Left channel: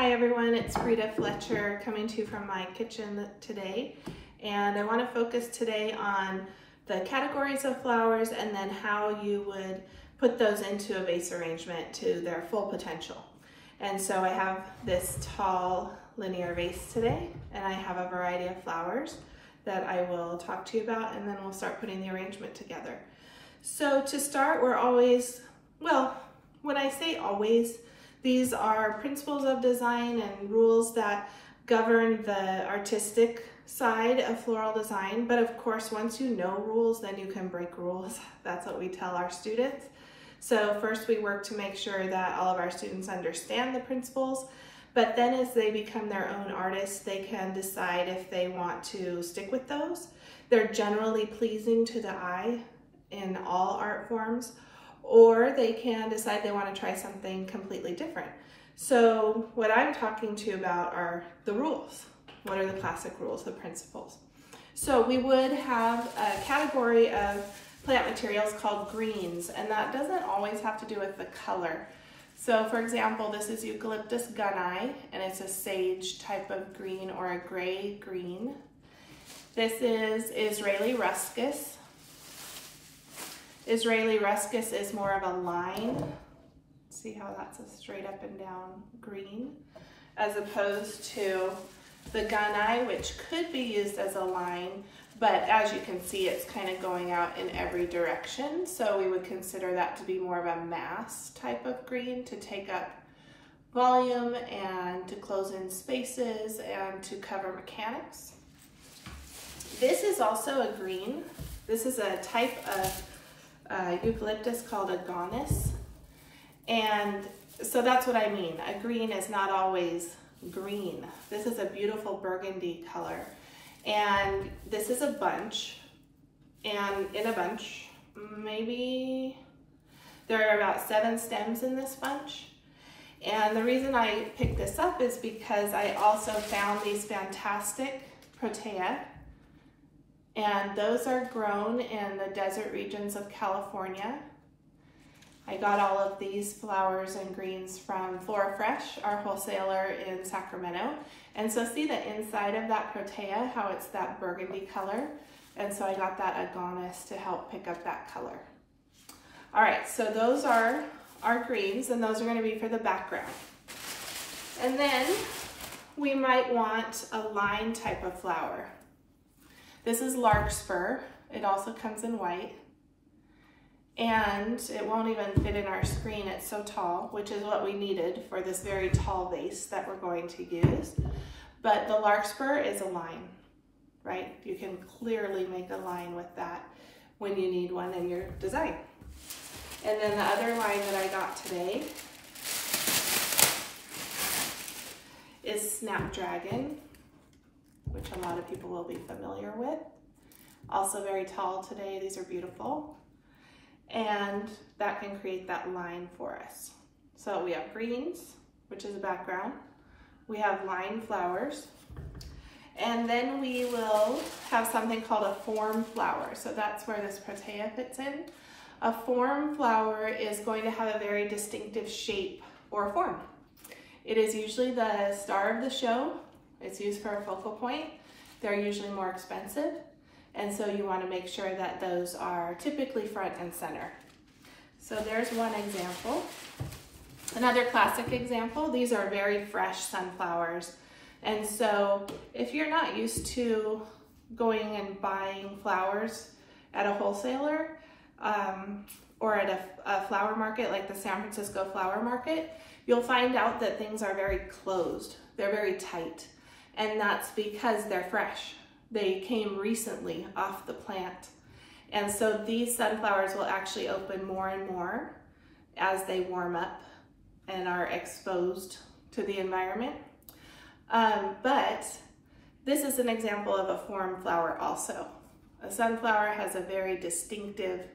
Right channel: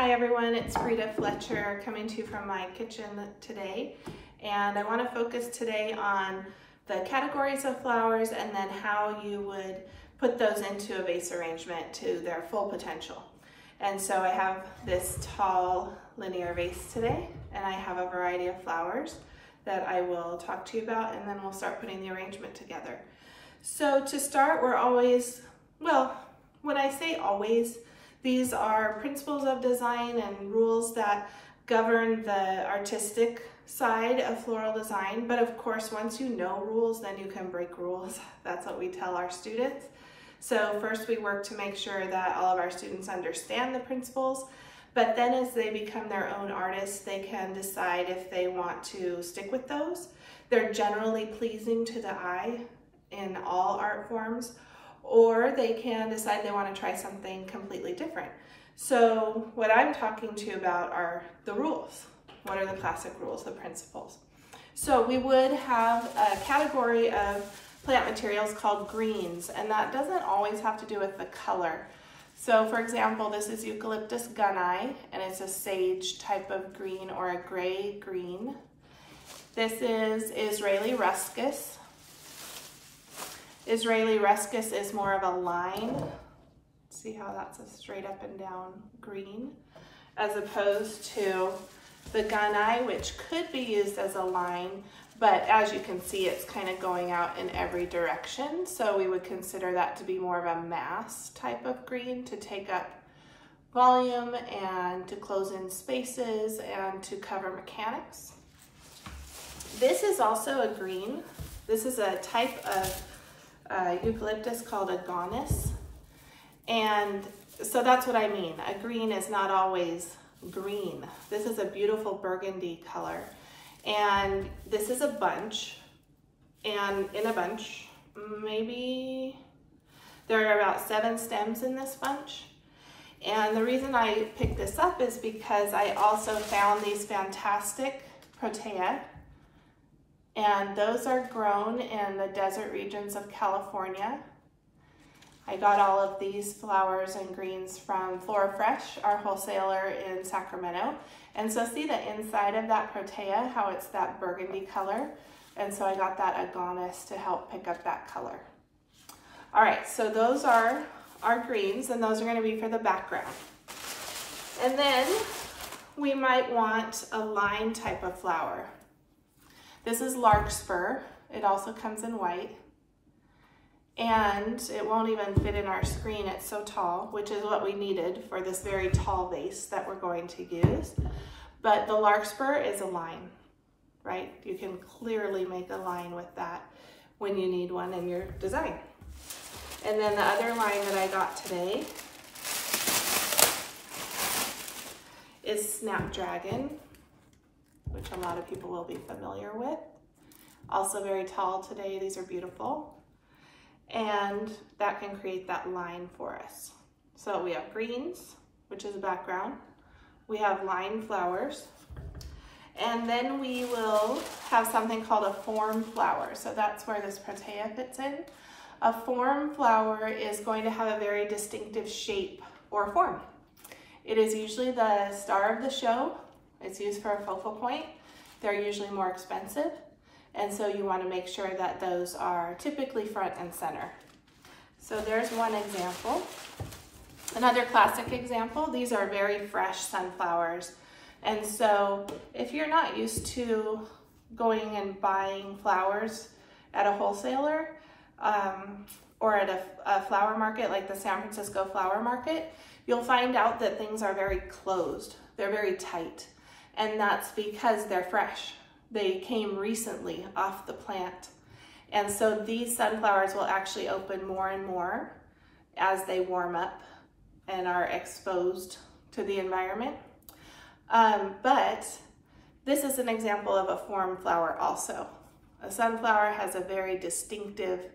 Hi everyone, it's Frida Fletcher coming to you from my kitchen today, and I want to focus today on the categories of flowers and then how you would put those into a vase arrangement to their full potential. And so I have this tall linear vase today, and I have a variety of flowers that I will talk to you about, and then we'll start putting the arrangement together. So to start, we're always, well, when I say always, these are principles of design and rules that govern the artistic side of floral design. But of course, once you know rules, then you can break rules. That's what we tell our students. So first we work to make sure that all of our students understand the principles, but then as they become their own artists, they can decide if they want to stick with those. They're generally pleasing to the eye in all art forms, or they can decide they want to try something completely different. So what I'm talking to you about are the rules. What are the classic rules, the principles? So we would have a category of plant materials called greens, and that doesn't always have to do with the color. So for example, this is Eucalyptus gunni, and it's a sage type of green or a gray green. This is Israeli Ruscus. Israeli Ruscus is more of a line. See how that's a straight up and down green, as opposed to the gunni, which could be used as a line, but as you can see, it's kind of going out in every direction. So we would consider that to be more of a mass type of green to take up volume and to close in spaces and to cover mechanics. This is also a green. This is a type of eucalyptus called a agonis, and so that's what I mean. A green is not always green. This is a beautiful burgundy color, and this is a bunch, and in a bunch, maybe there are about 7 stems in this bunch. And the reason I picked this up is because I also found these fantastic protea, and those are grown in the desert regions of California. I got all of these flowers and greens from Flora Fresh, our wholesaler in Sacramento. And so see the inside of that protea, how it's that burgundy color. And so I got that agonis to help pick up that color. All right, so those are our greens, and those are gonna be for the background. And then we might want a line type of flower. This is larkspur. It also comes in white, and it won't even fit in our screen. It's so tall, which is what we needed for this very tall vase that we're going to use. But the larkspur is a line, right? You can clearly make a line with that when you need one in your design. And then the other line that I got today is Snapdragon, which a lot of people will be familiar with. Also very tall today. These are beautiful. And that can create that line for us. So we have greens, which is a background. We have line flowers. And then we will have something called a form flower. So that's where this protea fits in. A form flower is going to have a very distinctive shape or form. It is usually the star of the show. It's used for a focal point. They're usually more expensive, and so you want to make sure that those are typically front and center. So there's one example. Another classic example, these are very fresh sunflowers. And so if you're not used to going and buying flowers at a wholesaler or at a flower market like the San Francisco Flower Market, you'll find out that things are very closed. They're very tight. And that's because they're fresh. They came recently off the plant. And so these sunflowers will actually open more and more as they warm up and are exposed to the environment. But this is an example of a form flower also. A sunflower has a very distinctive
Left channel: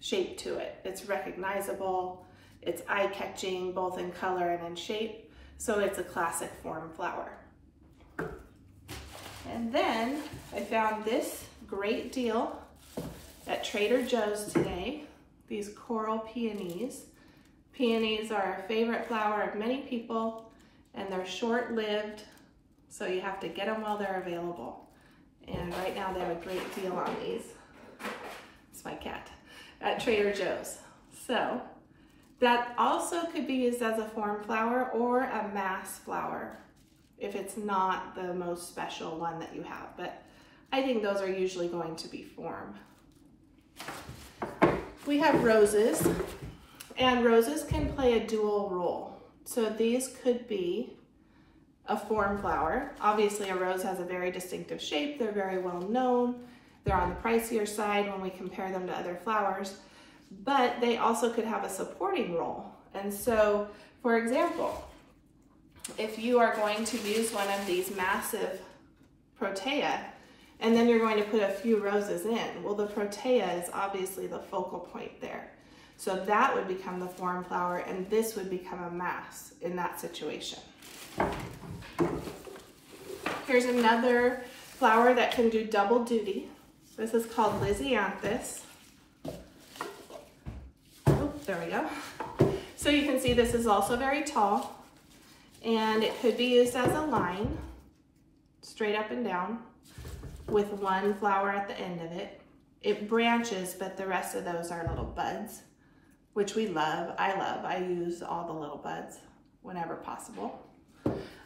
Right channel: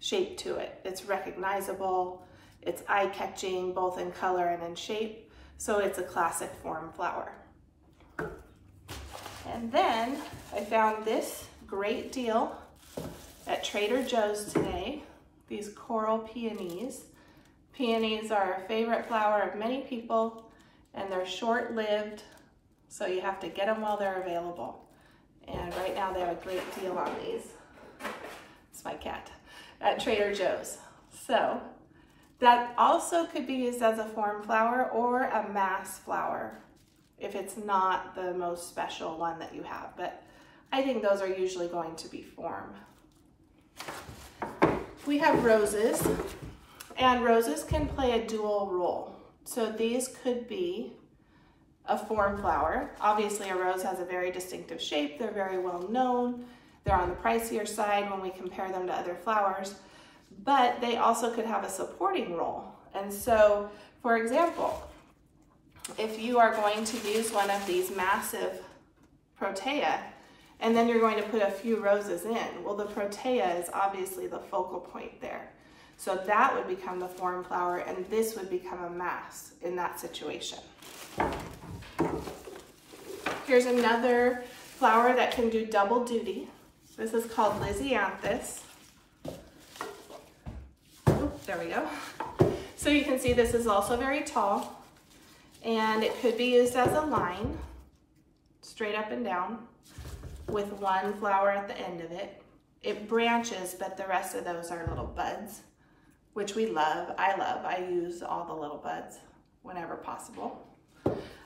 shape to it. It's recognizable, it's eye-catching both in color and in shape, so it's a classic form flower. And then I found this great deal at Trader Joe's today, these coral peonies. Peonies are a favorite flower of many people, and they're short-lived, so you have to get them while they're available. And right now they have a great deal on these. It's my cat. At Trader Joe's. So that also could be used as a form flower or a mass flower if it's not the most special one that you have, but I think those are usually going to be form. We have roses, and roses can play a dual role. So these could be a form flower. Obviously a rose has a very distinctive shape, they're very well known, they're on the pricier side when we compare them to other flowers, but they also could have a supporting role. And so, for example, if you are going to use one of these massive protea, and then you're going to put a few roses in, well, the protea is obviously the focal point there. So that would become the form flower, and this would become a mass in that situation. Here's another flower that can do double duty. This is called Lysianthus. Oh, there we go. So you can see this is also very tall, and it could be used as a line, straight up and down, with one flower at the end of it. It branches, but the rest of those are little buds, which we love. I use all the little buds whenever possible.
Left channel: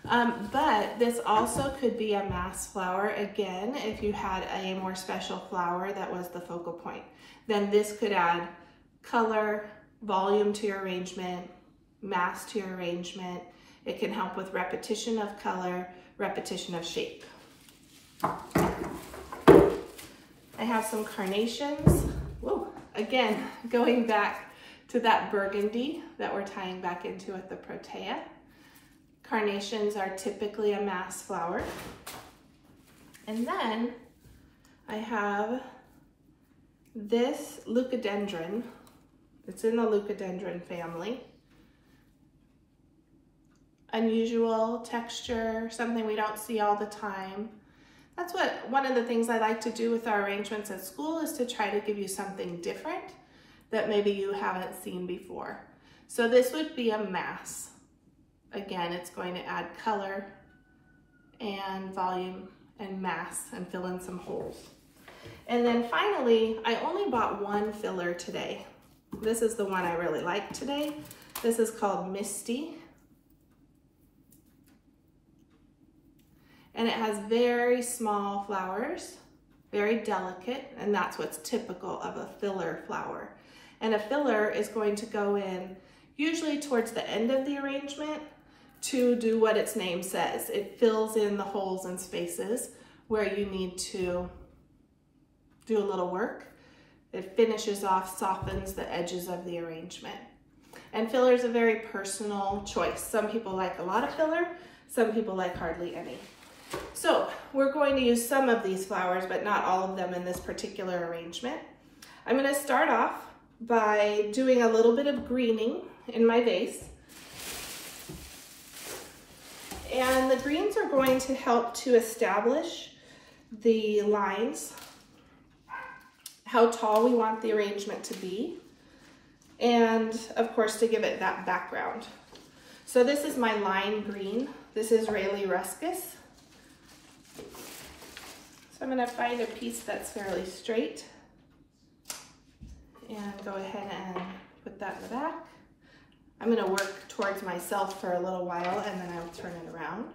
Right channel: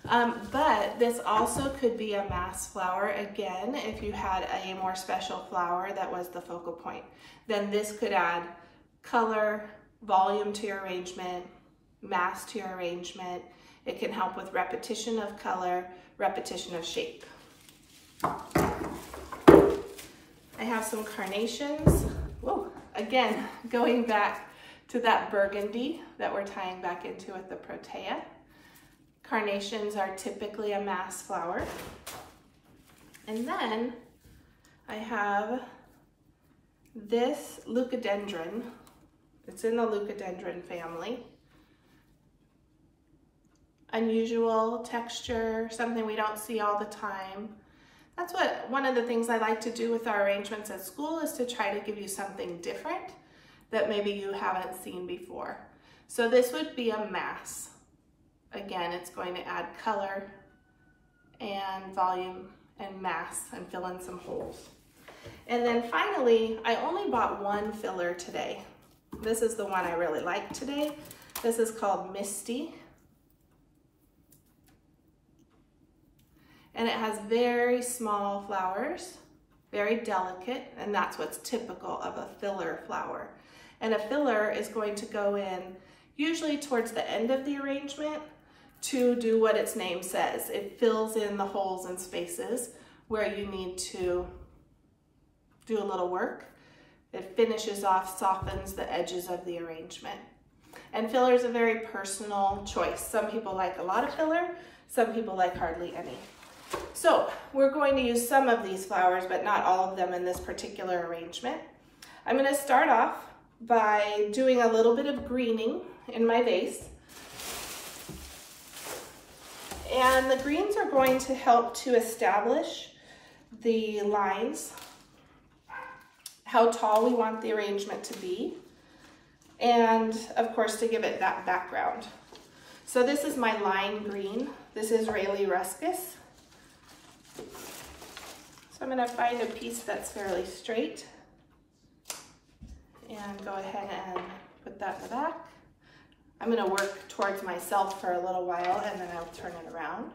But this also could be a mass flower, again, if you had a more special flower that was the focal point. Then this could add color, volume to your arrangement, mass to your arrangement. It can help with repetition of color, repetition of shape. I have some carnations. Whoa, again, going back to that burgundy that we're tying back into with the protea. Carnations are typically a mass flower. And then I have this leucadendron. It's in the leucadendron family. Unusual texture, something we don't see all the time. That's one of the things I like to do with our arrangements at school, is to try to give you something different that maybe you haven't seen before. So this would be a mass. Again, it's going to add color and volume and mass and fill in some holes. And then finally, I only bought one filler today. This is the one I really like today. This is called Misty. And it has very small flowers, very delicate, and that's what's typical of a filler flower. And a filler is going to go in usually towards the end of the arrangement to do what its name says. It fills in the holes and spaces where you need to do a little work. It finishes off, softens the edges of the arrangement. And filler is a very personal choice. Some people like a lot of filler, some people like hardly any. So we're going to use some of these flowers, but not all of them in this particular arrangement. I'm going to start off by doing a little bit of greening in my vase. And the greens are going to help to establish the lines, how tall we want the arrangement to be, and of course to give it that background. So this is my line green. This is Ruscus. So I'm going to find a piece that's fairly straight and go ahead and put that in the back. I'm going to work towards myself for a little while, and then I'll turn it around.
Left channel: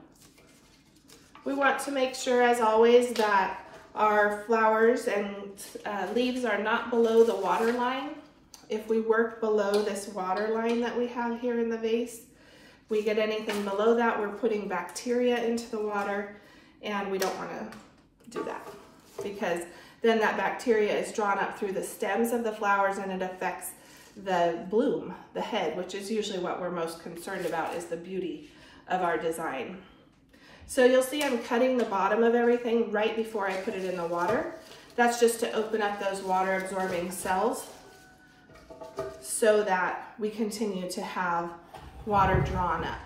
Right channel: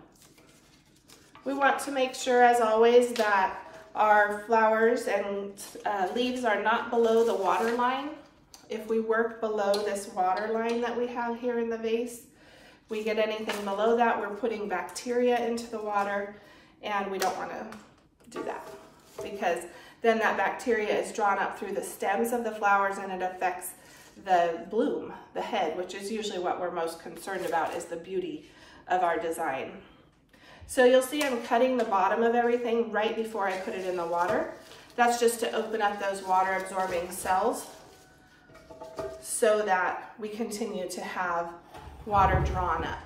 We want to make sure, as always, that our flowers and leaves are not below the water line. If we work below this water line that we have here in the vase, we get anything below that, we're putting bacteria into the water, and we don't want to do that, because then that bacteria is drawn up through the stems of the flowers and it affects the bloom, the head, which is usually what we're most concerned about, is the beauty of our design. So you'll see I'm cutting the bottom of everything right before I put it in the water. That's just to open up those water absorbing cells so that we continue to have water drawn up.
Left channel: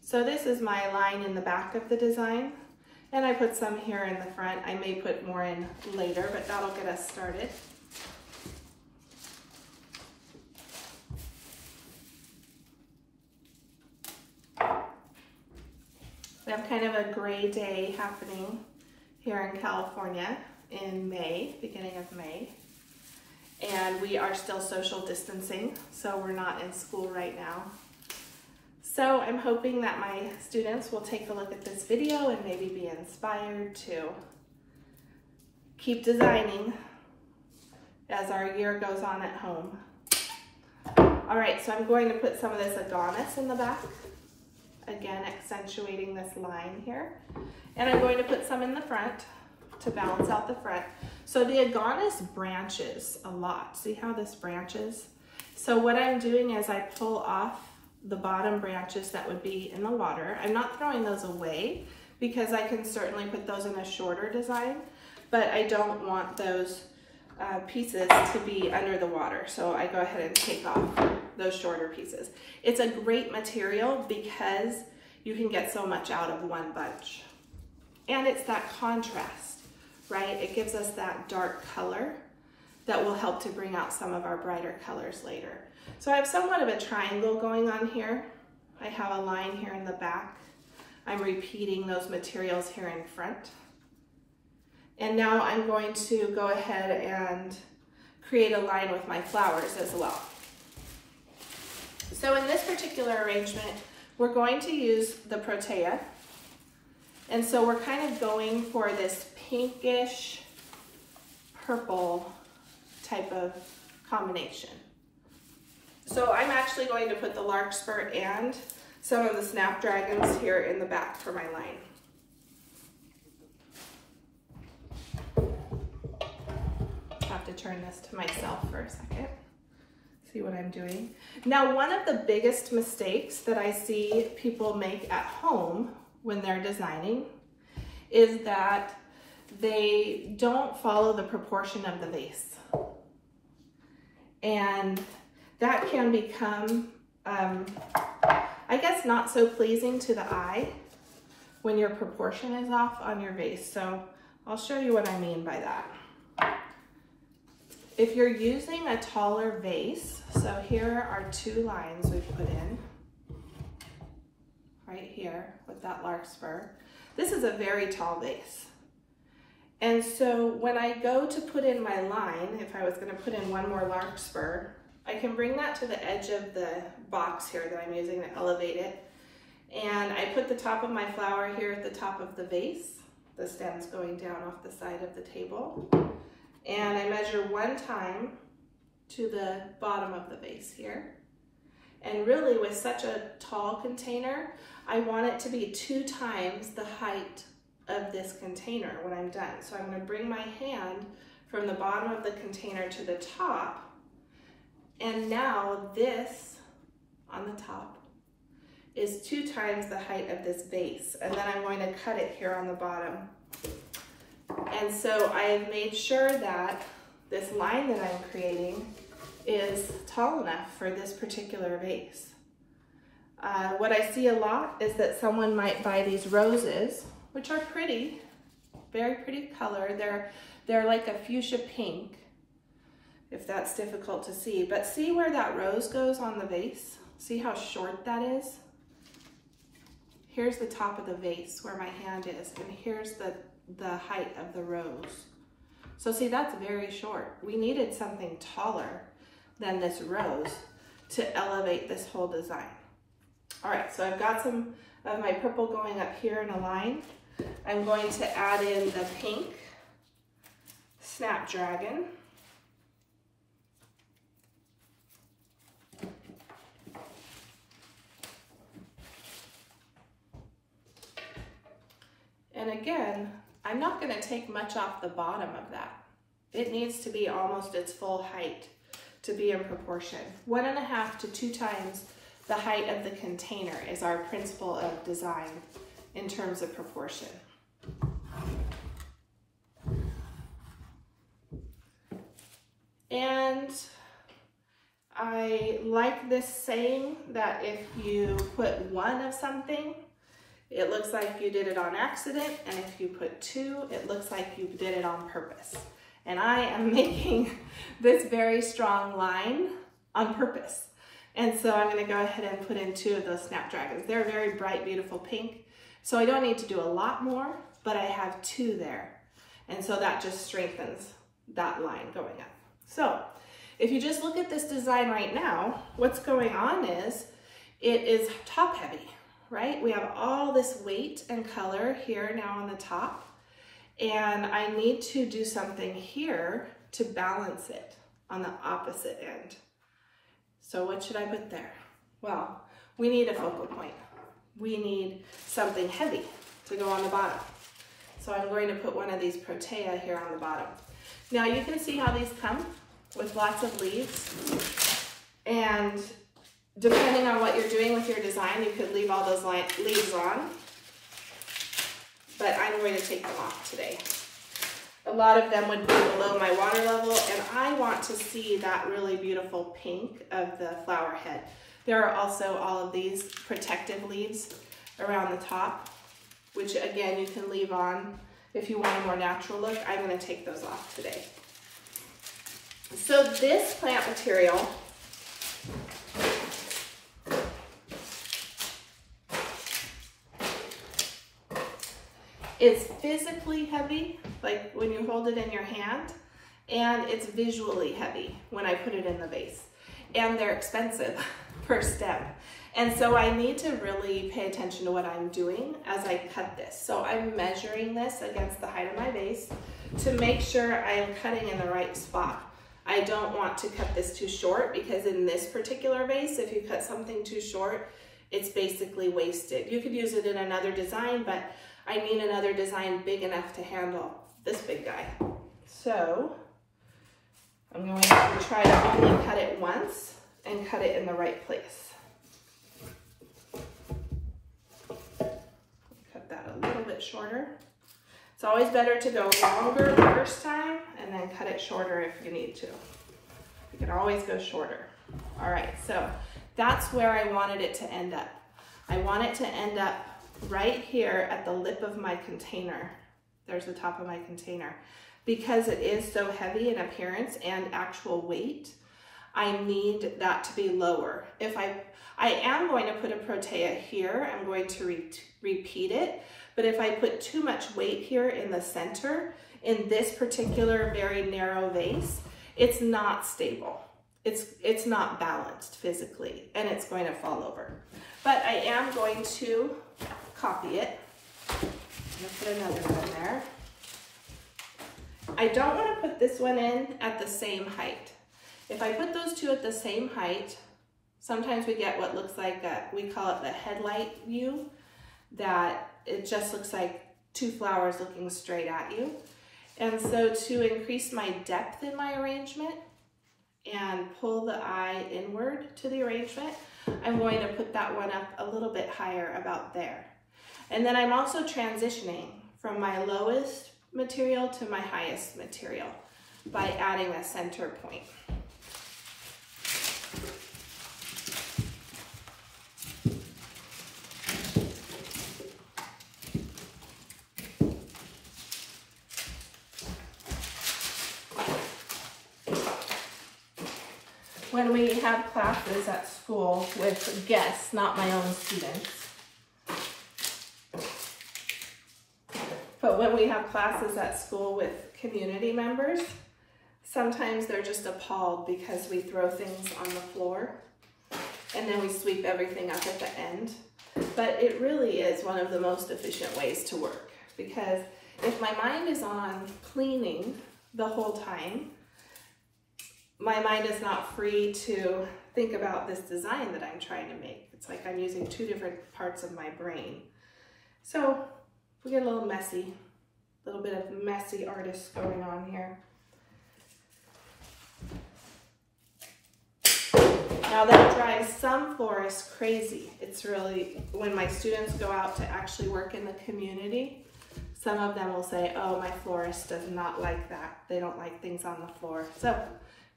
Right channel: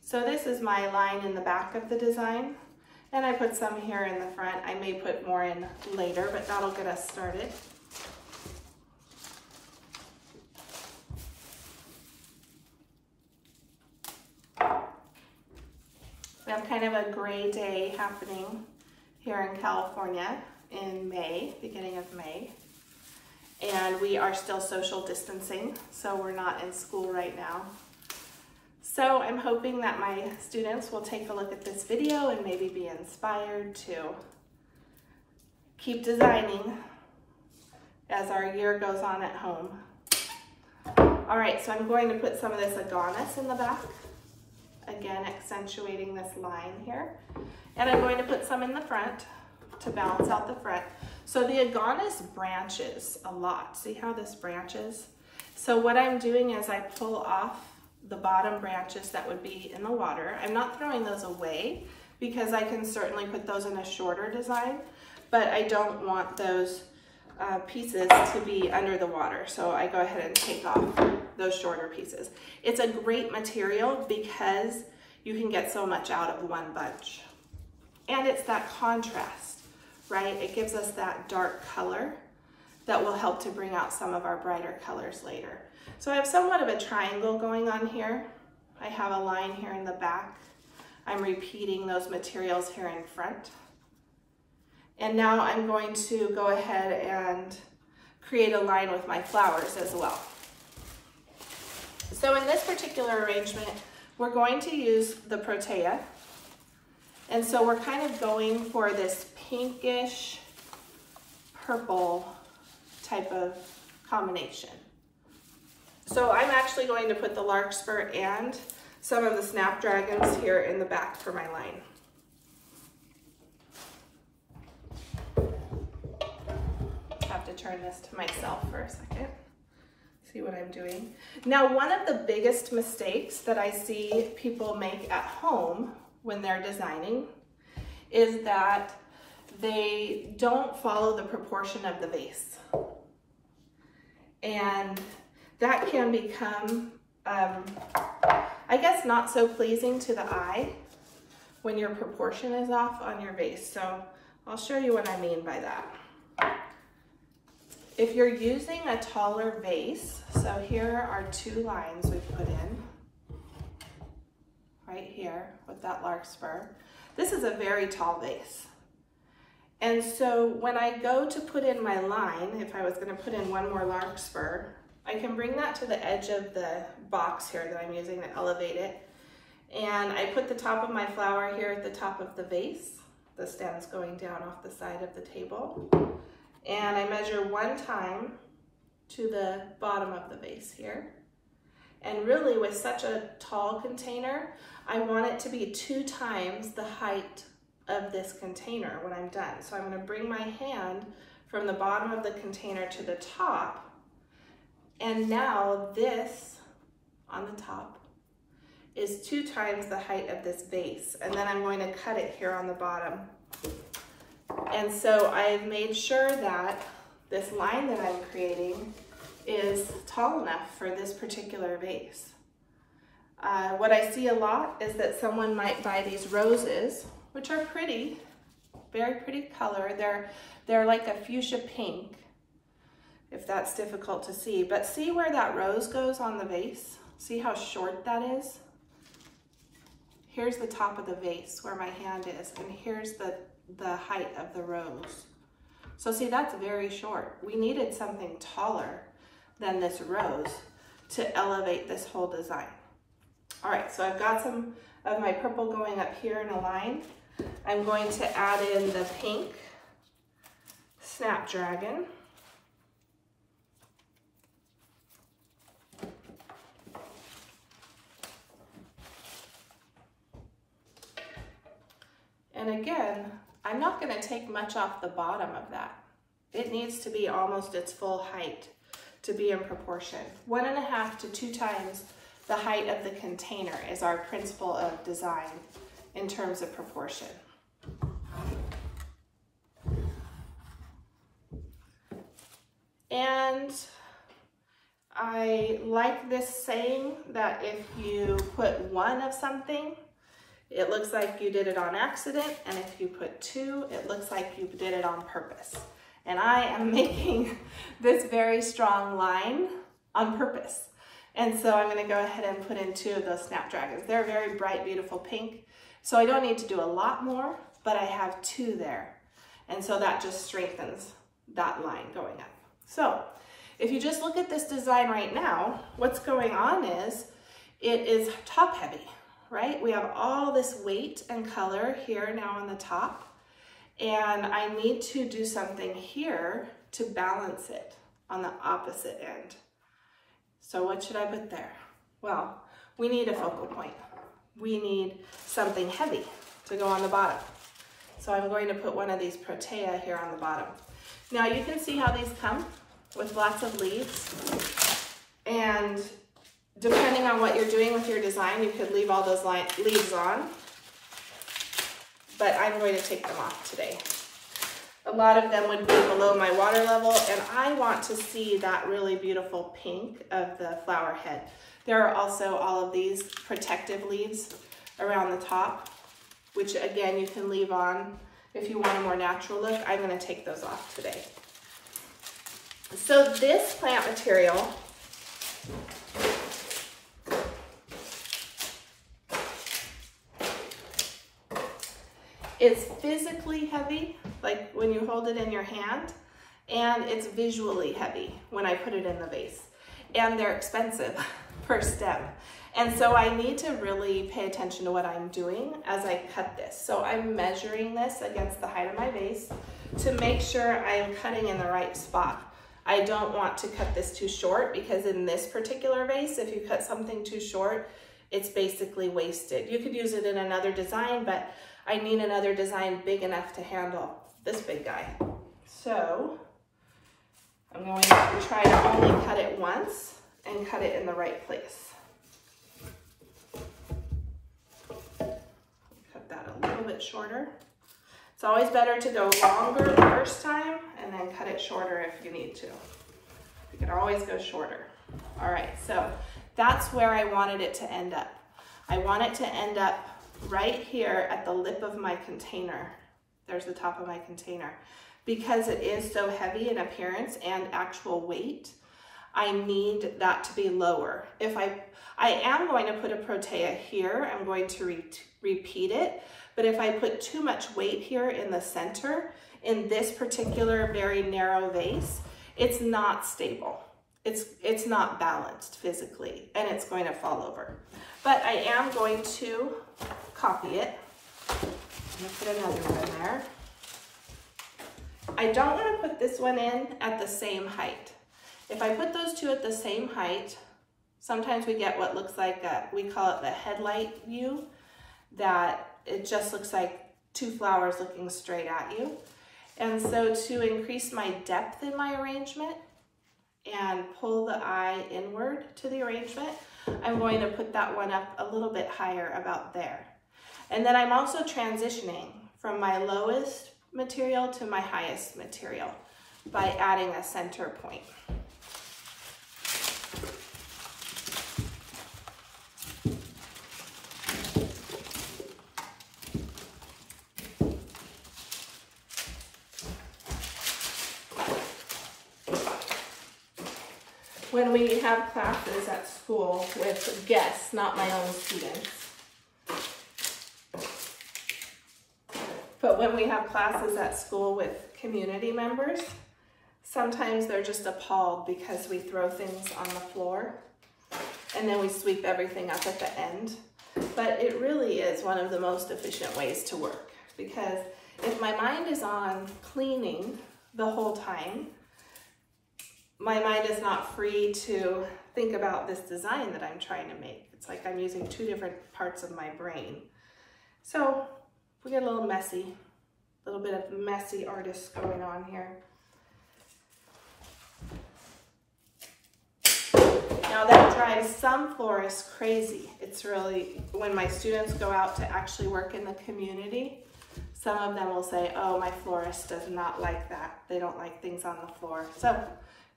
So this is my line in the back of the design, and I put some here in the front. I may put more in later, but that'll get us started. We have kind of a gray day happening here in California in May, beginning of May. And we are still social distancing, so we're not in school right now. So I'm hoping that my students will take a look at this video and maybe be inspired to keep designing as our year goes on at home. All right, so I'm going to put some of this Agonis in the back, again accentuating this line here. And I'm going to put some in the front to balance out the front. So the Agonis branches a lot. See how this branches? So what I'm doing is I pull off the bottom branches that would be in the water. I'm not throwing those away because I can certainly put those in a shorter design, but I don't want those pieces to be under the water. So I go ahead and take off those shorter pieces. It's a great material because you can get so much out of one bunch. And it's that contrast. Right? It gives us that dark color that will help to bring out some of our brighter colors later. So I have somewhat of a triangle going on here. I have a line here in the back. I'm repeating those materials here in front. And now I'm going to go ahead and create a line with my flowers as well. So in this particular arrangement, we're going to use the protea. And so we're kind of going for this pinkish purple type of combination. So I'm actually going to put the larkspur and some of the snapdragons here in the back for my line. Have to turn this to myself for a second. See what I'm doing. Now, one of the biggest mistakes that I see people make at home when they're designing is that they don't follow the proportion of the vase. And that can become, I guess, not so pleasing to the eye when your proportion is off on your vase. So I'll show you what I mean by that. If you're using a taller vase, so here are two lines we've put in, right here with that larkspur. This is a very tall vase. And so when I go to put in my line, if I was going to put in one more larkspur, I can bring that to the edge of the box here that I'm using to elevate it. And I put the top of my flower here at the top of the vase. The stem's going down off the side of the table. And I measure one time to the bottom of the vase here. And really, with such a tall container, I want it to be 2 times the height of this container when I'm done. So I'm going to bring my hand from the bottom of the container to the top. And now this on the top is 2 times the height of this vase. And then I'm going to cut it here on the bottom. And so I've made sure that this line that I'm creating is tall enough for this particular vase. What I see a lot is that someone might buy these roses, which are pretty, very pretty color. They're like a fuchsia pink, if that's difficult to see. But see where that rose goes on the vase? See how short that is? Here's the top of the vase where my hand is, and here's the height of the rose. So see, that's very short. We needed something taller than this rose to elevate this whole design. All right, so I've got some of my purple going up here in a line. I'm going to add in the pink Snapdragon. And again, I'm not going to take much off the bottom of that. It needs to be almost its full height to be in proportion. 1.5 to 2 times the height of the container is our principle of design in terms of proportion. And I like this saying that if you put 1 of something, it looks like you did it on accident, and if you put 2, it looks like you did it on purpose. And I am making this very strong line on purpose. And so I'm going to go ahead and put in 2 of those Snapdragons. They're a very bright, beautiful pink. So I don't need to do a lot more, but I have 2 there. And so that just strengthens that line going up. So if you just look at this design right now, what's going on is it is top heavy, right? We have all this weight and color here now on the top, and I need to do something here to balance it on the opposite end. So what should I put there? Well, we need a focal point. We need something heavy to go on the bottom. So I'm going to put one of these protea here on the bottom. Now you can see how these come with lots of leaves, and depending on what you're doing with your design, you could leave all those leaves on, but I'm going to take them off today. A lot of them would be below my water level, and I want to see that really beautiful pink of the flower head. There are also all of these protective leaves around the top, which again, you can leave on if you want a more natural look. I'm going to take those off today. So this plant material is physically heavy, like when you hold it in your hand, and it's visually heavy when I put it in the vase. And they're expensive per stem. And so I need to really pay attention to what I'm doing as I cut this. So I'm measuring this against the height of my vase to make sure I'm cutting in the right spot. I don't want to cut this too short, because in this particular vase, if you cut something too short, it's basically wasted. You could use it in another design, but I need another design big enough to handle this big guy. So I'm going to try to only cut it once and cut it in the right place. Cut that a little bit shorter. It's always better to go longer the first time and then cut it shorter if you need to. You can always go shorter. All right, so that's where I wanted it to end up. I want it to end up right here at the lip of my container. There's the top of my container. Because it is so heavy in appearance and actual weight, I need that to be lower. If I am going to put a protea here, I'm going to repeat it, but if I put too much weight here in the center, in this particular very narrow vase, it's not stable. It's not balanced physically, and it's going to fall over. But I am going to copy it. I'm gonna put another one there. I don't want to put this one in at the same height. If I put those two at the same height, sometimes we get what looks like we call it the headlight view, that it just looks like 2 flowers looking straight at you. And so to increase my depth in my arrangement and pull the eye inward to the arrangement, I'm going to put that one up a little bit higher, about there. And then I'm also transitioning from my lowest material to my highest material by adding a center point. When we have classes at school with guests, not my own students, but when we have classes at school with community members, sometimes they're just appalled because we throw things on the floor and then we sweep everything up at the end. But it really is one of the most efficient ways to work, because if my mind is on cleaning the whole time, my mind is not free to think about this design that I'm trying to make. It's like I'm using 2 different parts of my brain. So we get a little messy, a little bit of messy artists going on here. Now that drives some florists crazy. It's really, when my students go out to actually work in the community, some of them will say, oh, my florist does not like that. They don't like things on the floor. So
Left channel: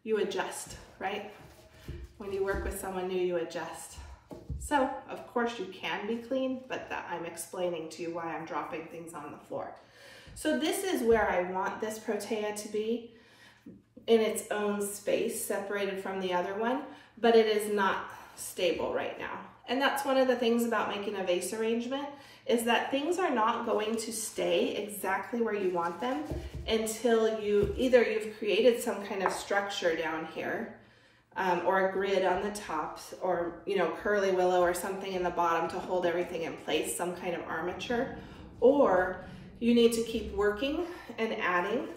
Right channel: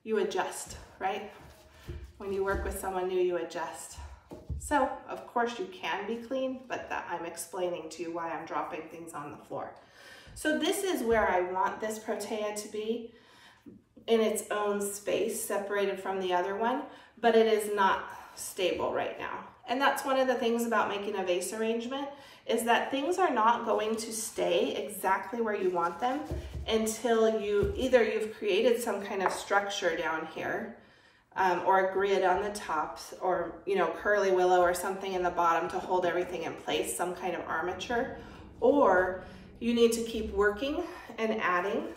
you adjust, right? When you work with someone new, you adjust. So of course you can be clean, but that I'm explaining to you why I'm dropping things on the floor. So this is where I want this protea to be, in its own space, separated from the other one, but it is not stable right now. And that's one of the things about making a vase arrangement, is that things are not going to stay exactly where you want them until you've created some kind of structure down here, or a grid on the tops, or curly willow or something in the bottom to hold everything in place, some kind of armature, or you need to keep working and adding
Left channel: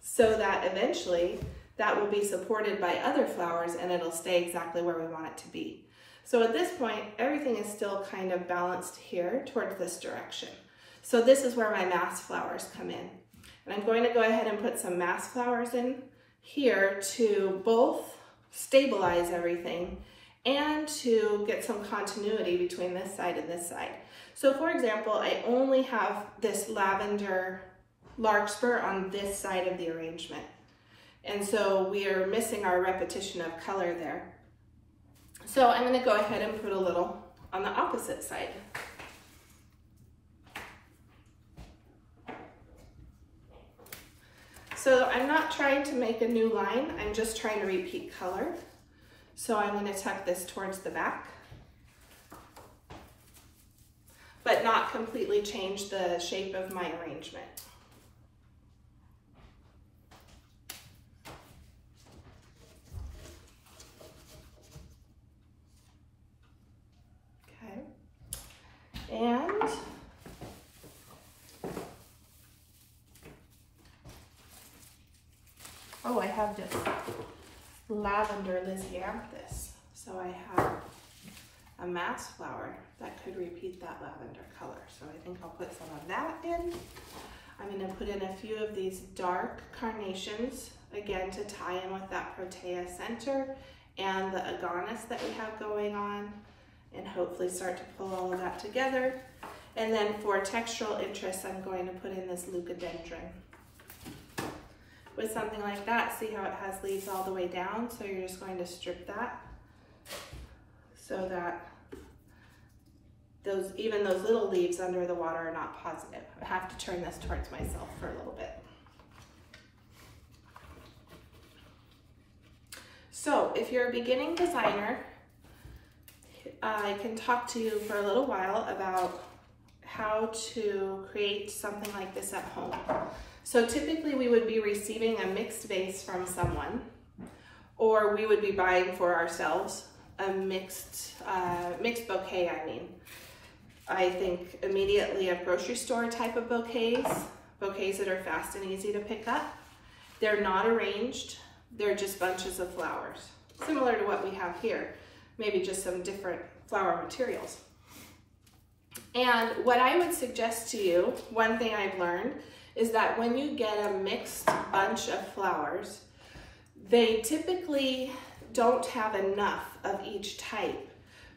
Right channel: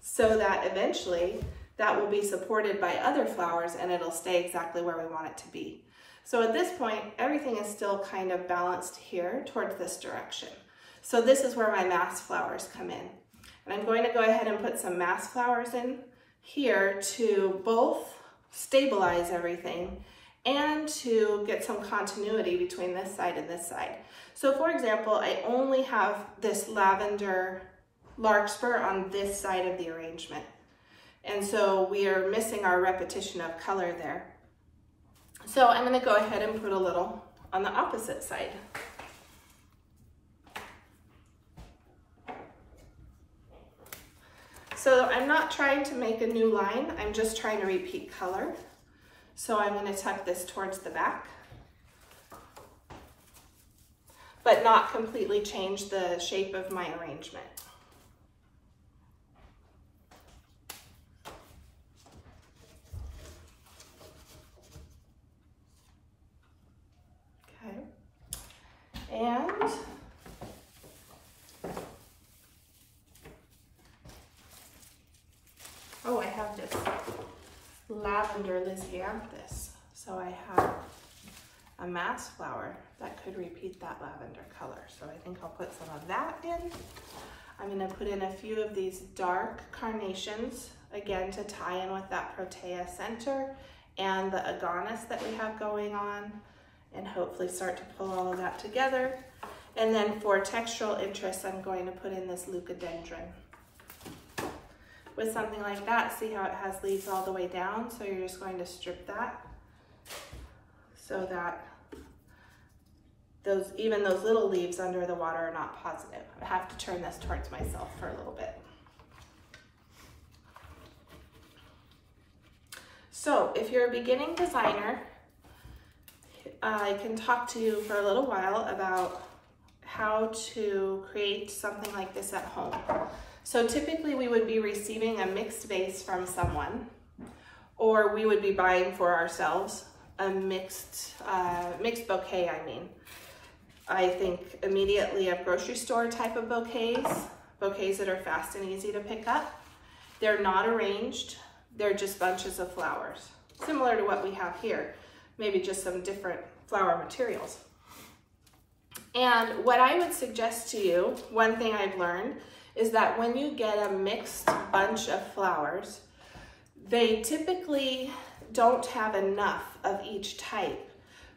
so that eventually that will be supported by other flowers and it'll stay exactly where we want it to be. So at this point, everything is still kind of balanced here towards this direction. So this is where my mass flowers come in. And I'm going to go ahead and put some mass flowers in here to both stabilize everything and to get some continuity between this side and this side. So for example, I only have this lavender larkspur on this side of the arrangement. And so we are missing our repetition of color there. So I'm going to go ahead and put a little on the opposite side. So I'm not trying to make a new line, I'm just trying to repeat color. So I'm going to tuck this towards the back, but not completely change the shape of my arrangement. Okay, and oh, I have this lavender lysianthus. So I have a mass flower that could repeat that lavender color. So I think I'll put some of that in. I'm going to put in a few of these dark carnations, again to tie in with that protea center and the agonis that we have going on, and hopefully start to pull all of that together. And then for textural interest, I'm going to put in this leucadendron. With something like that, see how it has leaves all the way down? So you're just going to strip that so that even those little leaves under the water are not positive. I have to turn this towards myself for a little bit. So if you're a beginning designer, I can talk to you for a little while about how to create something like this at home. So typically we would be receiving a mixed vase from someone, or we would be buying for ourselves a mixed bouquet, I think immediately of grocery store type of bouquets that are fast and easy to pick up. They're not arranged, they're just bunches of flowers, similar to what we have here, maybe just some different flower materials. And what I would suggest to you, one thing I've learned, is that when you get a mixed bunch of flowers, they typically don't have enough of each type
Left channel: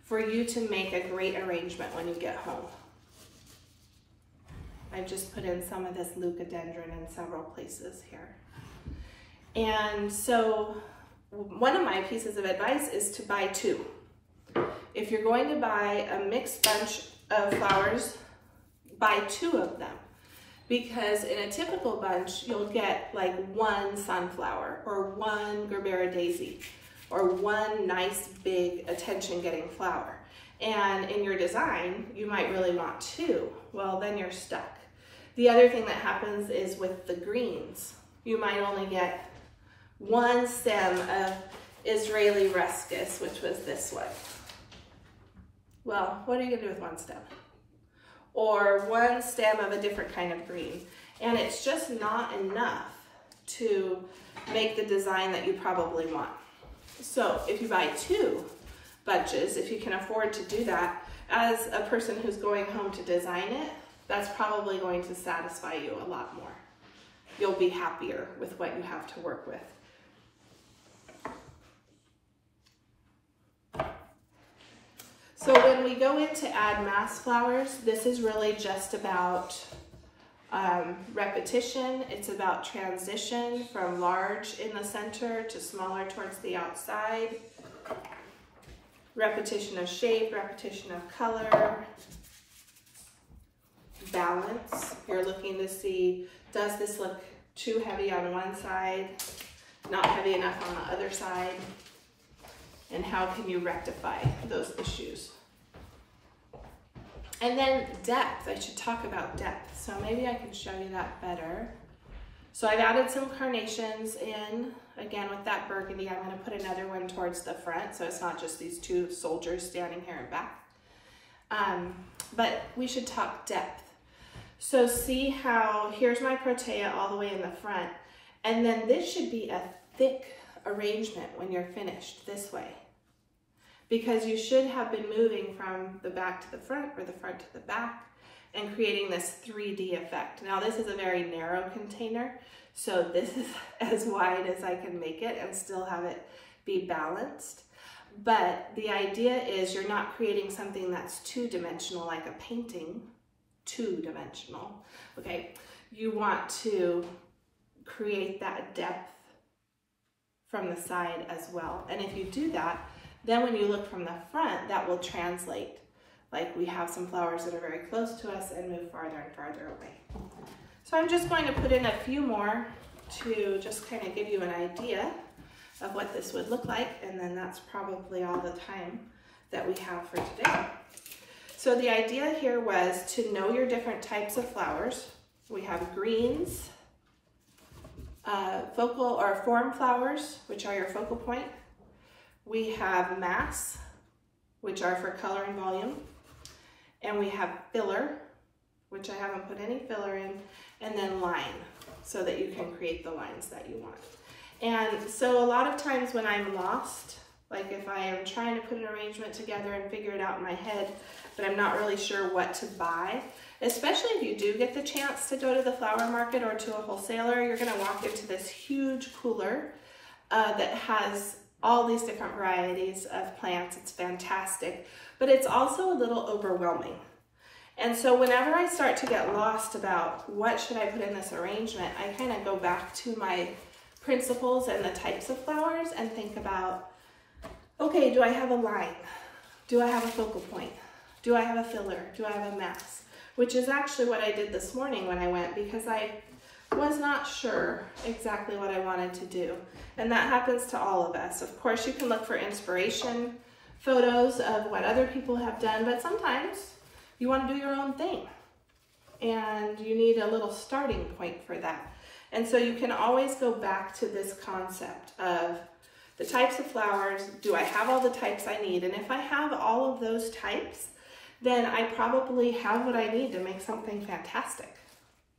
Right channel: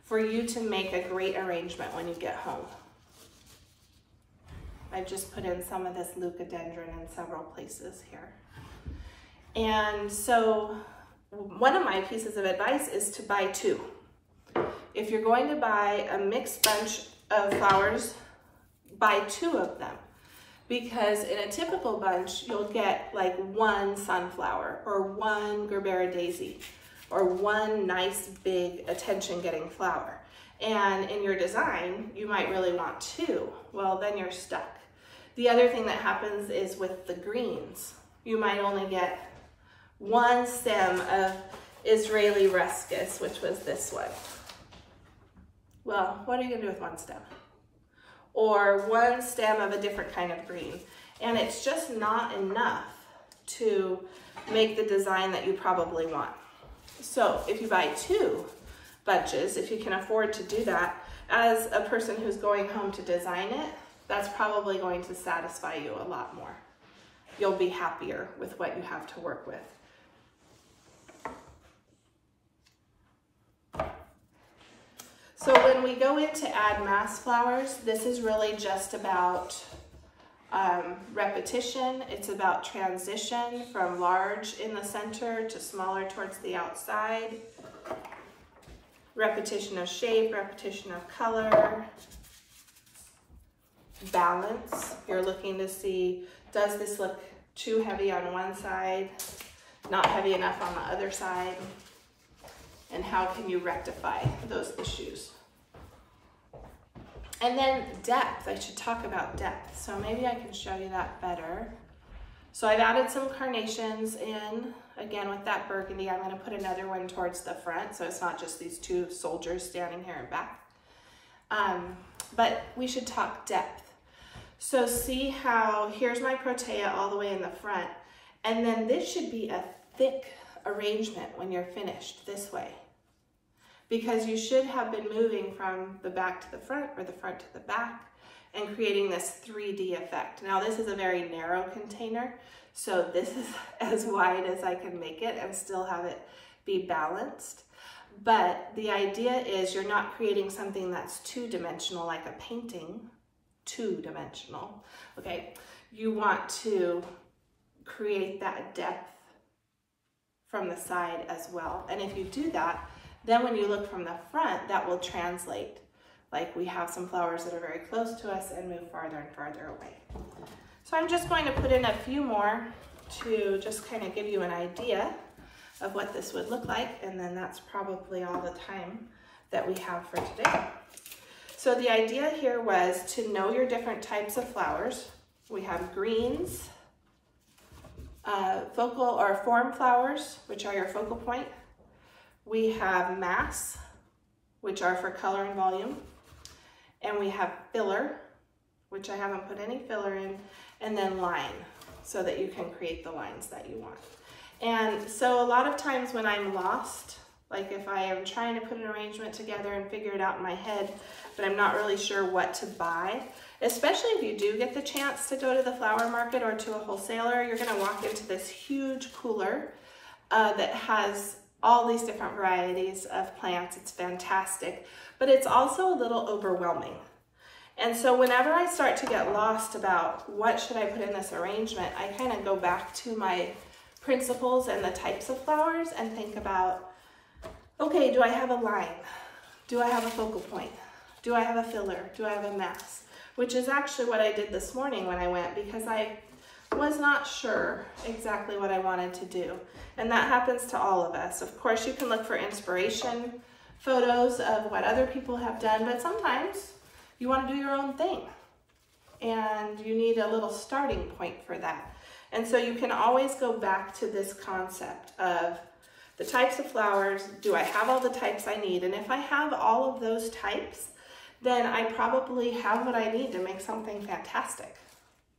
for you to make a great arrangement when you get home. I've just put in some of this leucadendron in several places here. And so one of my pieces of advice is to buy two. If you're going to buy a mixed bunch of flowers, buy two of them. Because in a typical bunch, you'll get like one sunflower or one gerbera daisy or one nice big attention-getting flower. And in your design, you might really want two. Well, then you're stuck. The other thing that happens is with the greens, you might only get one stem of Israeli Ruscus, which was this one. Well, what are you gonna do with one stem? Or one stem of a different kind of green. And it's just not enough to make the design that you probably want. So if you buy two bunches, if you can afford to do that, as a person who's going home to design it, that's probably going to satisfy you a lot more. You'll be happier with what you have to work with. So when we go in to add mass flowers, this is really just about repetition. It's about transition from large in the center to smaller towards the outside. Repetition of shape, repetition of color. Balance. You're looking to see, does this look too heavy on one side, not heavy enough on the other side? And how can you rectify those issues? And then depth, I should talk about depth. So maybe I can show you that better. So I've added some carnations in, again with that burgundy. I'm gonna put another one towards the front so it's not just these two soldiers standing here and back. But we should talk depth. So see how, here's my protea all the way in the front, and then this should be a thick arrangement when you're finished this way, because you should have been moving from the back to the front or the front to the back and creating this 3D effect. Now this is a very narrow container, so this is as wide as I can make it and still have it be balanced. But the idea is you're not creating something that's two-dimensional like a painting, two-dimensional, okay? You want to create that depth from the side as well. And if you do that, then when you look from the front, that will translate. Like we have some flowers that are very close to us and move farther and farther away. So I'm just going to put in a few more to just kind of give you an idea of what this would look like, and then that's probably all the time that we have for today. So the idea here was to know your different types of flowers. We have greens, focal or form flowers, which are your focal point. We have mass, which are for color and volume. And we have filler, which I haven't put any filler in, and then line, so that you can create the lines that you want. And so a lot of times when I'm lost, like if I am trying to put an arrangement together and figure it out in my head, but I'm not really sure what to buy, especially if you do get the chance to go to the flower market or to a wholesaler, you're gonna walk into this huge cooler that has all these different varieties of plants. It's fantastic, but it's also a little overwhelming. And so whenever I start to get lost about what should I put in this arrangement, I kind of go back to my principles and the types of flowers and think about, okay, do I have a line? Do I have a focal point? Do I have a filler? Do I have a mass? Which is actually what I did this morning when I went, because I was not sure exactly what I wanted to do. And that happens to all of us. Of course, you can look for inspiration photos of what other people have done, but sometimes you want to do your own thing and you need a little starting point for that. And so you can always go back to this concept of the types of flowers. Do I have all the types I need? And if I have all of those types, then I probably have what I need to make something fantastic.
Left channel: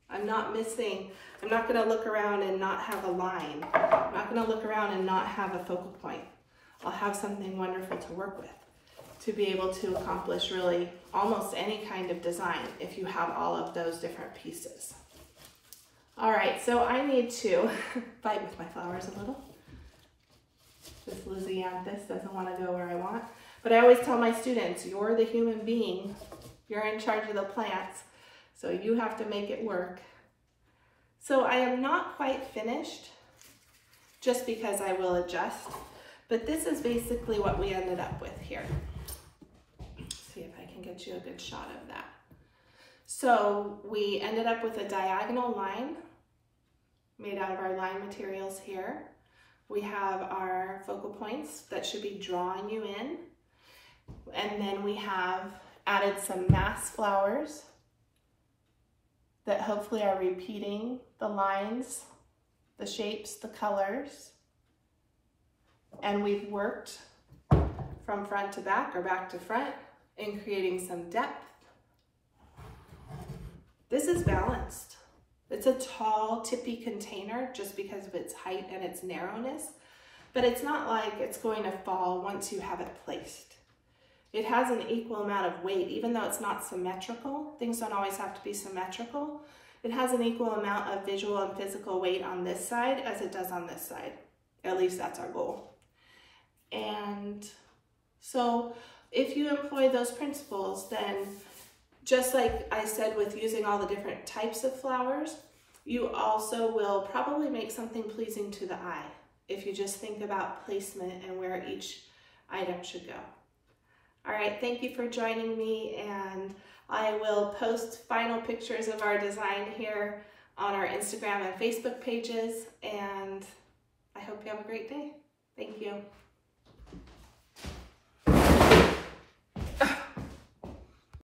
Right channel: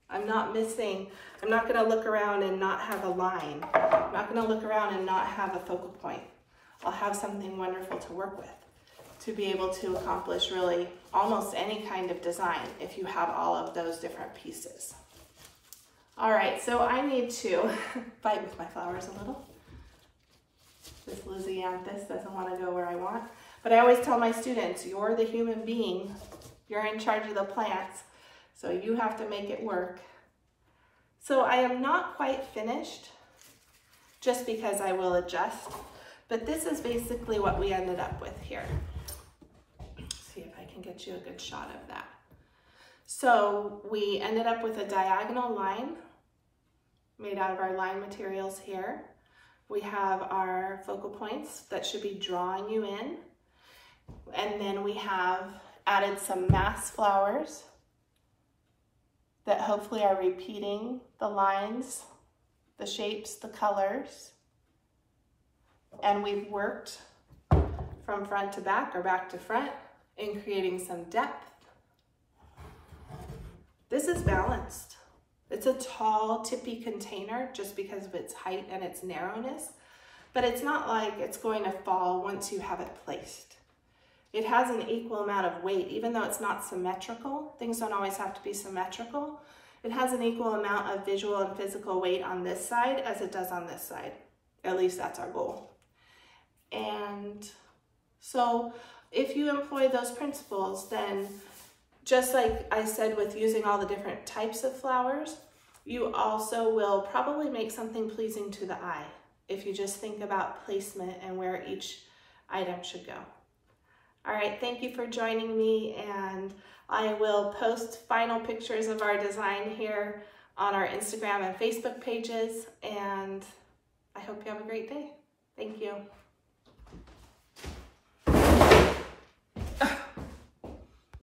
I'm not missing, I'm not gonna look around and not have a line. I'm not gonna look around and not have a focal point. I'll have something wonderful to work with to be able to accomplish really almost any kind of design if you have all of those different pieces. All right, so I need to fight with my flowers a little. This Lysianthus doesn't want to go where I want. But I always tell my students, you're the human being. You're in charge of the plants, so you have to make it work. So I am not quite finished, just because I will adjust. But this is basically what we ended up with here. Let's see if I can get you a good shot of that. So we ended up with a diagonal line made out of our line materials here. We have our focal points that should be drawing you in. And then we have added some mass flowers that hopefully are repeating the lines, the shapes, the colors. And we've worked from front to back or back to front in creating some depth. This is balanced. It's a tall, tippy container just because of its height and its narrowness, but it's not like it's going to fall once you have it placed. It has an equal amount of weight, even though it's not symmetrical. Things don't always have to be symmetrical. It has an equal amount of visual and physical weight on this side as it does on this side. At least that's our goal. And so if you employ those principles, then just like I said with using all the different types of flowers, you also will probably make something pleasing to the eye if you just think about placement and where each item should go. All right, thank you for joining me, and I will post final pictures of our design here on our Instagram and Facebook pages, and I hope you have a great day. Thank you.